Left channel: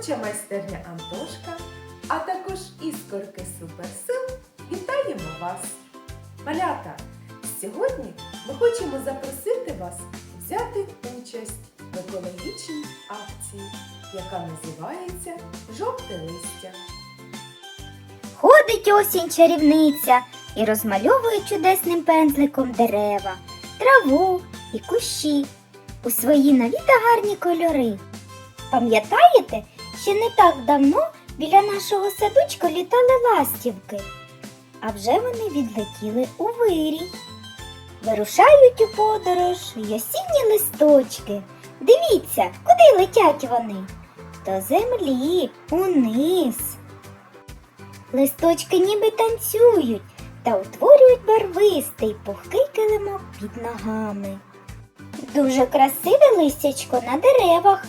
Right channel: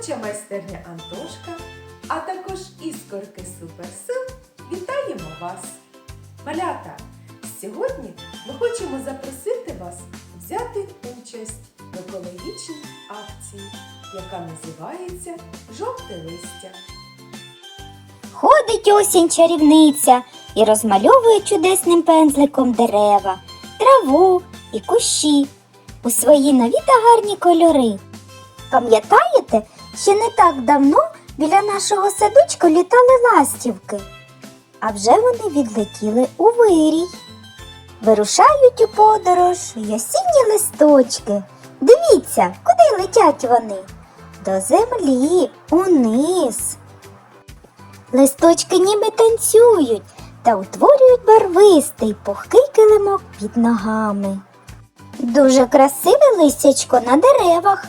творча майстерня Антошка, а також іскорки Суперсил вітаємо вас! Малята! Сьогодні ми хочемо запросити вас взяти участь в екологічній акції, яка називається Жовте листя. Ходить осінь чарівниця і розмальовує чудесним пензликом дерева, траву і кущі у свої нові та гарні кольори. Пам'ятаєте, ще не так давно біля нашого садочка літали ластівки, а вже вони відлетіли у вирій. Вирушають у подорож й осінні листочки. Дивіться, куди летять вони? До землі, униз. Листочки ніби танцюють та утворюють барвистий пухкий килимок під ногами. Дуже красиве листячко на деревах,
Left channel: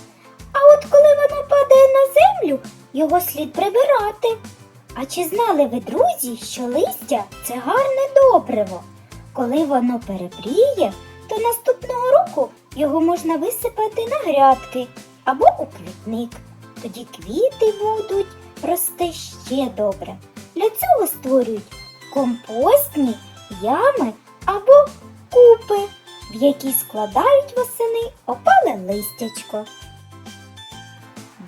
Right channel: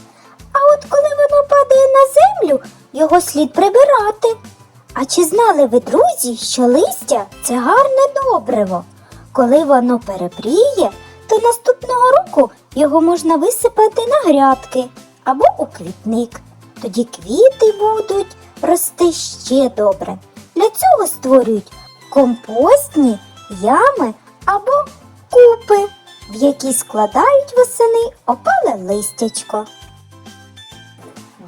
землю, його слід прибирати. А чи знали ви, друзі, що листя це гарне добриво? Коли воно перепріє, то наступного року його можна висипати на грядки або у квітник. Тоді квіти будуть рости ще добре. Для цього створюють компостні ями або купи, в які складають восени опале листячко.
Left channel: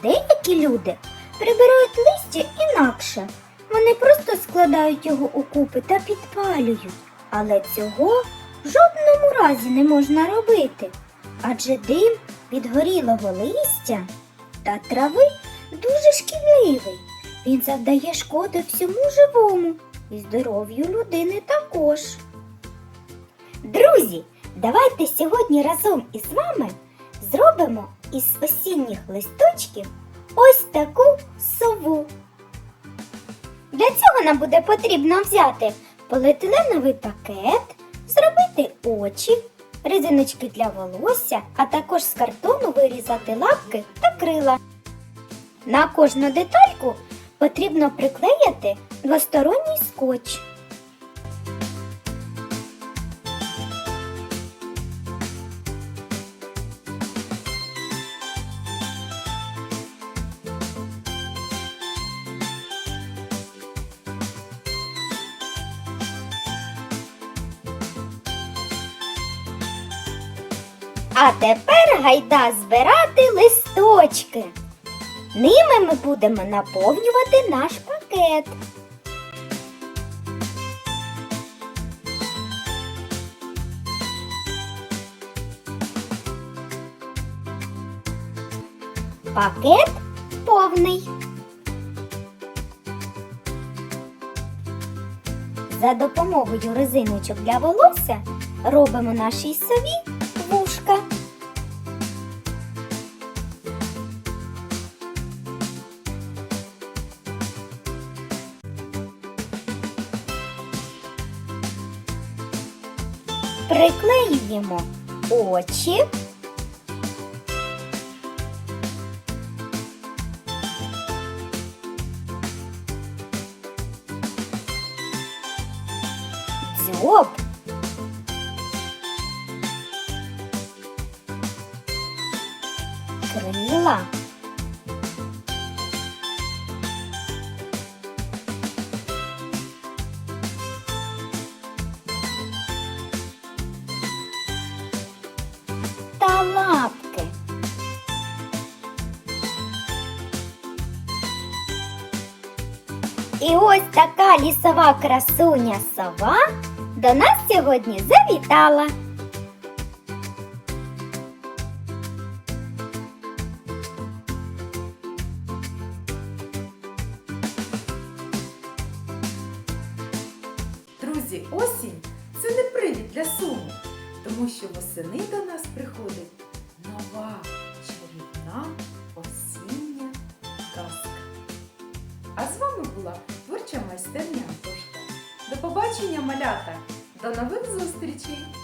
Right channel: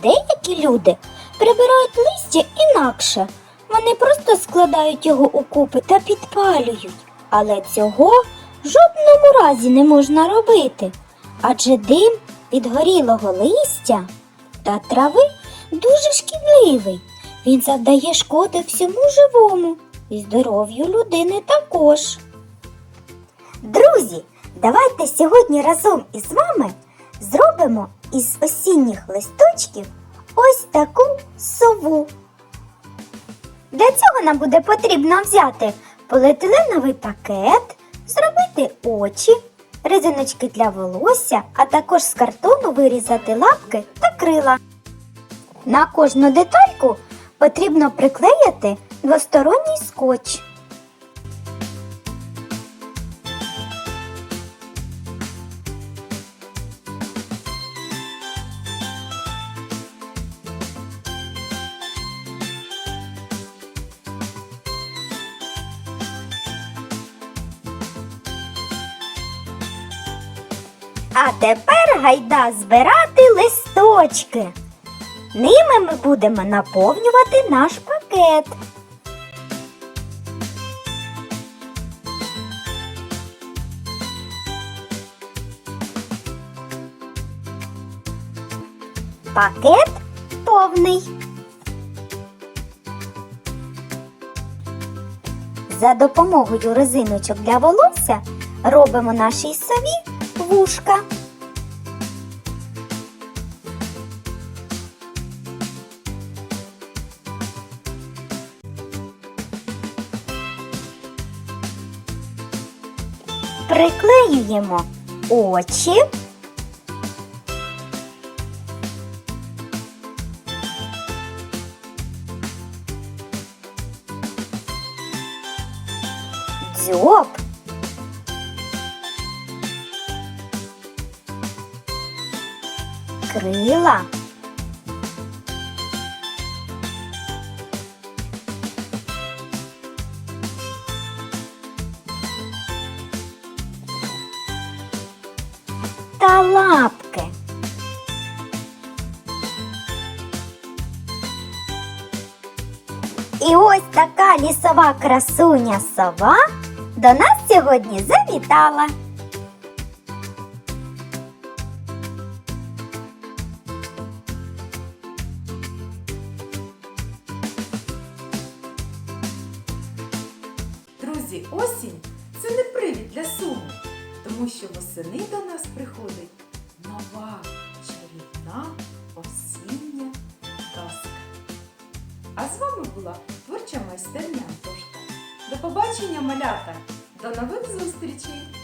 Деякі люди прибирають листя інакше. Вони просто складають його у купи та підпалюють. Але цього в жодному разі не можна робити. Адже дим від горілого листя та трави дуже шкідливий. Він завдає шкоди всьому живому і здоров'ю людини також. Друзі, давайте сьогодні разом із вами зробимо із осінніх листочків ось таку сову. Для цього нам буде потрібно взяти поліетиленовий пакет, зробити очі, резиночки для волосся, а також з картону вирізати лапки та крила. На кожну детальку потрібно приклеїти двосторонній скотч. А тепер гайда збирати листочки. Ними ми будемо наповнювати наш пакет. Пакет повний. За допомогою резиночок для волосся робимо нашій сові вушка. Приклеюємо очі. Дзьоб. Крила. І ось така лісова красуня сова до нас сьогодні завітала. Друзі, осінь це не привід для суму, тому що восени до нас приходить нова чарівна осіння казка. А з вами була майстерня Антошка. До побачення, малята! До нових зустрічей!